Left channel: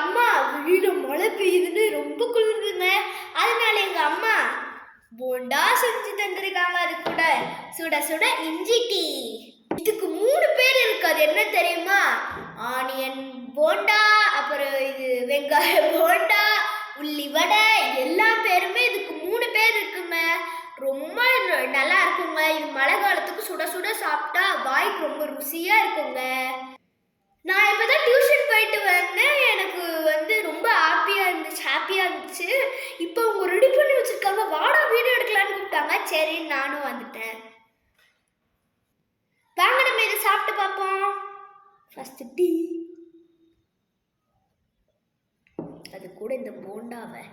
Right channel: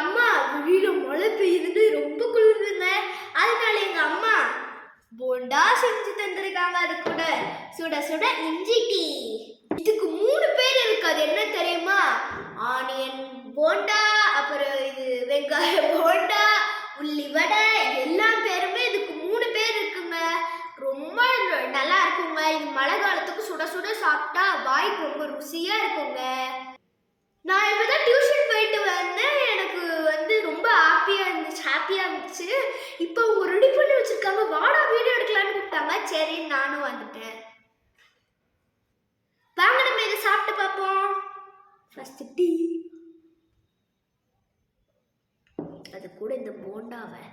அம்மா வெளியில மழை பெய்யுதுன்னு ரொம்ப குளிருதுங்க. அதனால எங்க அம்மா போண்டா செஞ்சு தந்திருக்காங்க. அது கூட சுட சுட இஞ்சி டீ. இதுக்கு 3 பேர் இருக்கு. அது என்ன தெரியுமா? ஆனியன் போண்டா, அப்புறம் இது வெங்காய போண்டா, உள்ளி வடை, எல்லா பேருமே இதுக்கு 3 பேர் இருக்குங்க. ரொம்ப நல்லா இருக்குங்க. இது மழை காலத்துக்கு சுட சுட சாப்பிட்டா வாய்க்கு ரொம்ப ருசியா இருக்குங்க. நான் இப்பதான் டியூஷன் போயிட்டு வந்தேன். எனக்கு ரொம்ப ஹாப்பியா இருந்துச்சு. இப்போ அவங்க ரெடி பண்ணி வச்சிருக்காங்க. வாடா வீடியோ எடுக்கலான்னு கூப்பிட்டாங்க. சரி நானும் வந்துட்டேன். வாங்க நம்ம இதை சாப்பிட்டு பார்ப்போம். ஃபர்ஸ்ட் டீ, அது கூட இந்த போண்டாவை